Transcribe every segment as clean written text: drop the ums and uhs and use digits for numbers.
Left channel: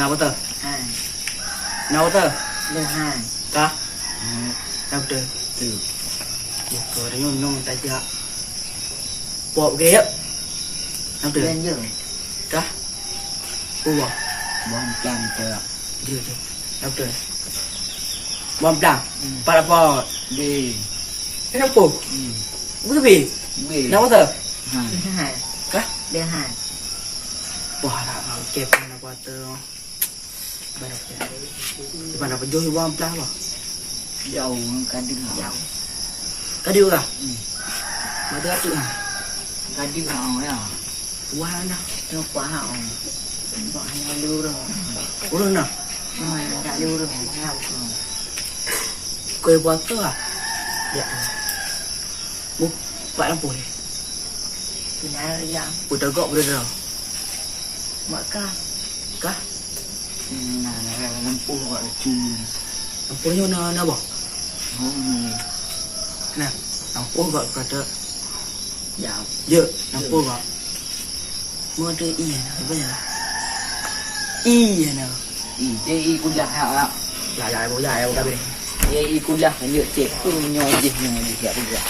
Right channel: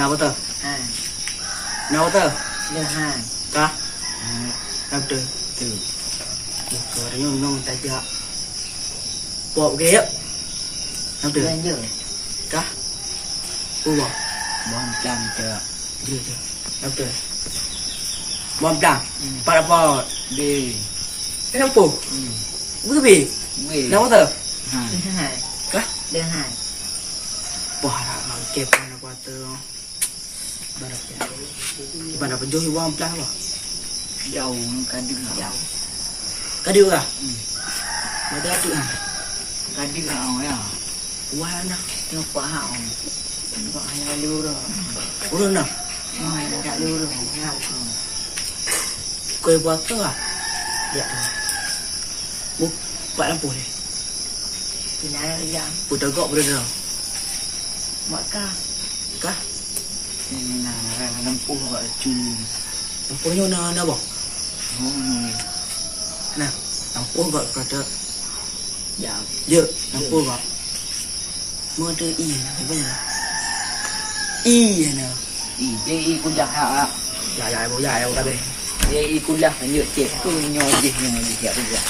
Nào tờ? Hai. Nào tờ? Đưa hai. Cả? Hai. Nào tờ? Từ. Buka dah nyong tak dia. Pok ke ya? Nào tờ? Lên giờ. Cả? Pua. Bon plan chưa. Dia tu. Nào tờ? Bom plang. Para po. Đi. Cái nào pù? Cái gì? Đi. Nào tờ? Hai. Đưa hai. Cả? Đưa hai. Wah, nak kep nak kata. Mana penjual uang pelah apa? Dầu kadang dầu. Kadiu kah? Mata tu ah. Kadang orang ya. Wah nak. Nó quá hậu. Gọi là lưu rồi. Urun nak. Nói là đã lưu rồi. Hậu rồi. Kau buat tu ah. Ya. Buk, buat lampu ni. Cái này là dạng. Udah gok berada. Mọi ca. Kah? Là lampu gọi là chùm. Lampu ni mana apa? Hôm Nah, lampu gok berada. dạo. Ya, lampu gok. Mua tu iya nak, apa ya? Iya nak. Y kuliah hả? Ya, boleh ya, boleh. Y kuliah là nhựa chết tu nhoi gì ya kuliah.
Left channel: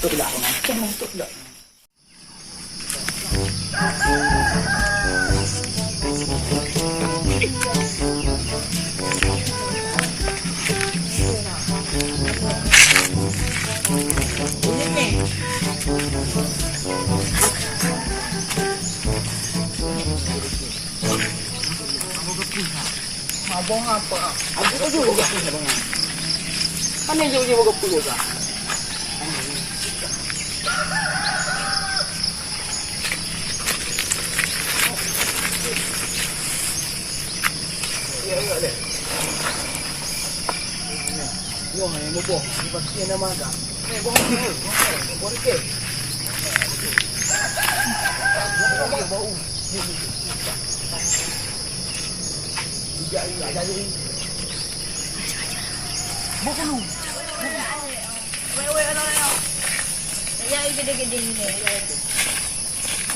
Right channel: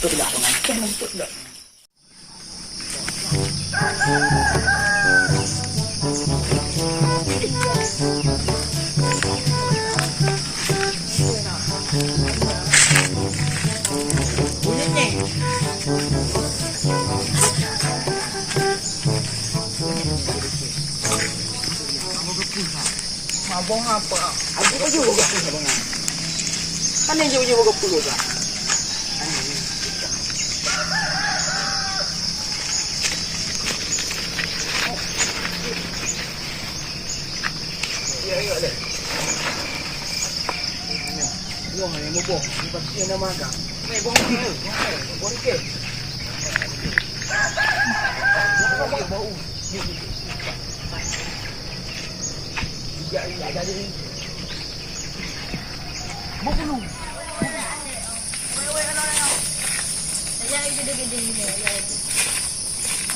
Tu dah macam tu dah. Mabong apa? Aku tu juga punya bang. Kan yang juga juga punya. Ya ya deh. Wah, yang mau boh, pasti nama kan. Mai boh ke? Boh ke? Boh bau. Iya jadi. Bukan lu. Ya gede-gede ni.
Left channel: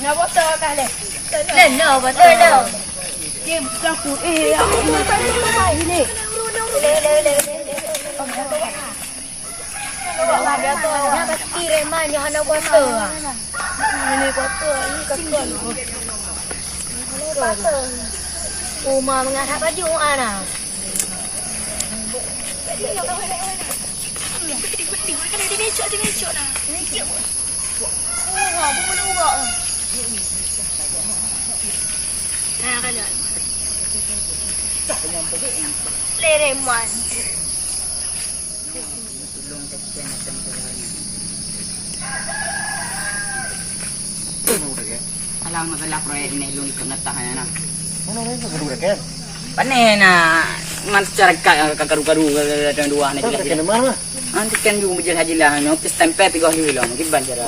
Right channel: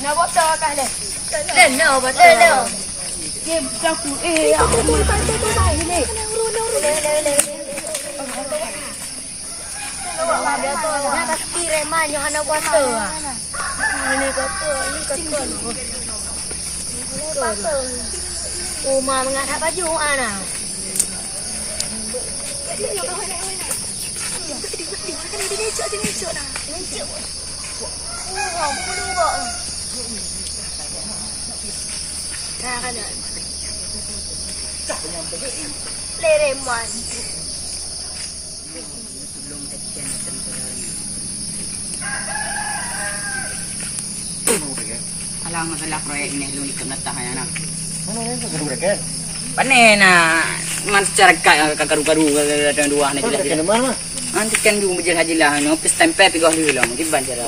Nak botol kah dah? Nak botol dah. Dia aku aku mau ni. Le. Kalau ada tu nak pasti remanya nak botol. Ini botol, ini kecil. Botol. Uma mengatak baju ana. Lereman. Alang masalah proyek ini lu ikut ngetahan anak. Mana ni tu kedua kan? Panen man secara kakaru-karu dan dua ni jelas. Kena mana? Nanti kan juga berjalan haji lah. Nopis tempe tiga hari lah. Mungkin ban cara.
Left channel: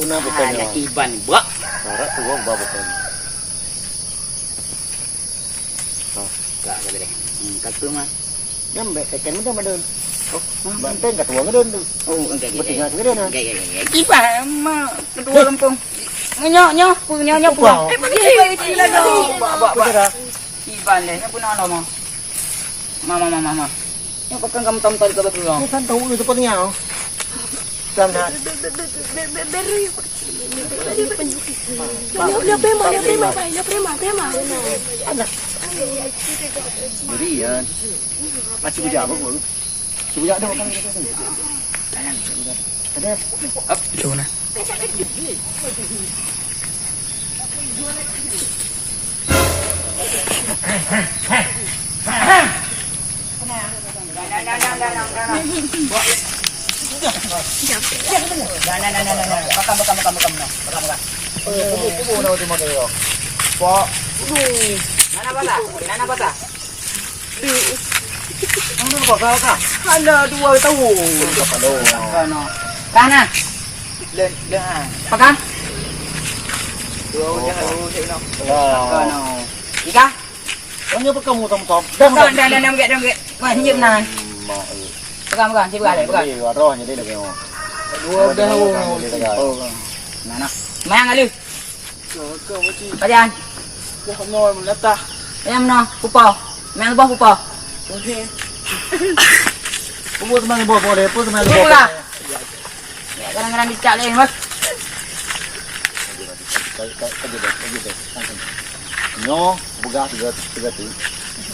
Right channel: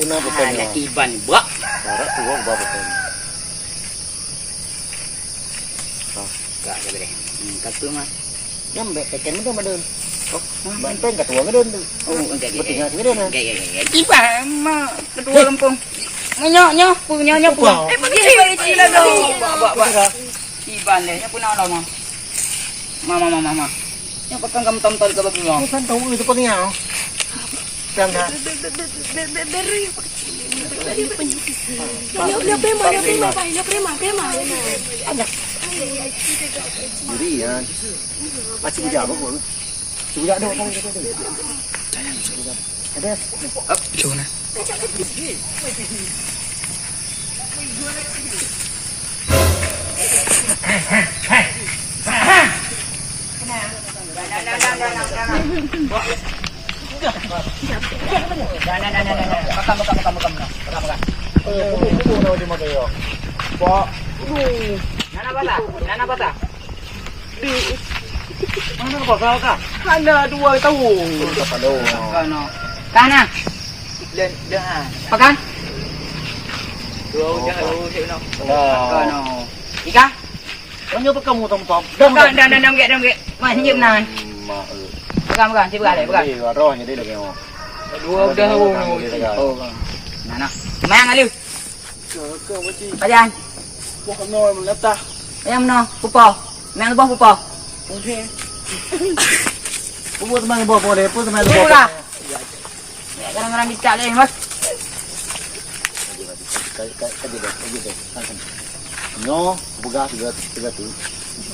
Una betul. Ada iban buat. Cara tu orang bawa betul. Kak boleh. Katu mah. Nyambe keken mana madun. Oh, banteng kat tuang madun tu. Oh, enggak. Betul ngak dia na. Enggak. Iban mah kedua lempung. Nyok punya pulang. Pergi lah dong. Bak. Iban deh. Yang punya Allah mah. Mama. Yang pakai kamu tom-tom ke bagi lo. Bukan tahu itu penting. Jangan. Beri apa kecil. Dia prema. Ada. Durian. Macam budak apa kau? Budak dah orang tu. Ada. Coba. Nana bata. Mana bakal kah? Ada dua tahu. Kepala. Kana. Dah. Pakan. Dua dah cik no. Kana. Ika. Kau pakai kamu tom-tom. Dah get. Manjim nan. Pegang, cik pegang. Roh ni dia lagi. Dua dah. Oh. Nana. Cuma yang kali. Pajan. Wah, noi meletak. Ayam no, pupau. Main lebah pupau. Okey. Pupuk teman bawa deh, pupuk teman Pupuk bawa. lah. Ya, kadang-kadang dicak leh, Mas. Nyo, buka tiga tu.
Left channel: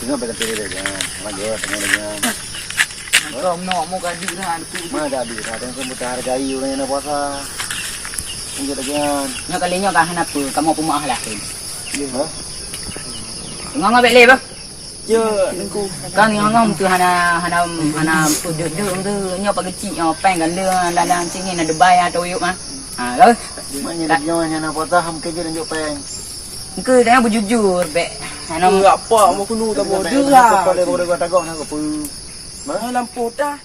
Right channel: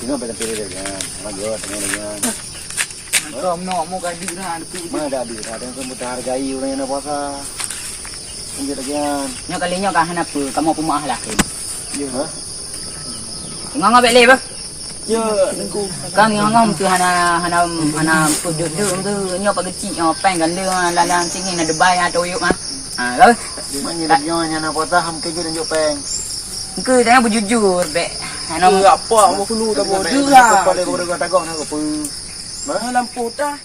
Tengok baca pilih deh, jangan. Maju, tengok dengan. Kau no mau gaji dengan aku. Mana ada di, ada yang kamu hargai orang yang puasa. Tengok dengan. Nyo kalinya kah apa? Kamu pemaah lah. Hah? Ngang abek leh, bah. Ya, nengku. Kan ngang tu hana pudut tu nyo pak kecil nyo peng ganda dalam sini ada bayar atau yuk mah. Ha, kau. Mana ada nyo yang nak puasa, ham kerja dan jopeng. Engkau jangan berjujur, bek. Hana Apa? Mau kulu tak boleh. Dah. Kalau kau dah takut nak apa? Lampu dah.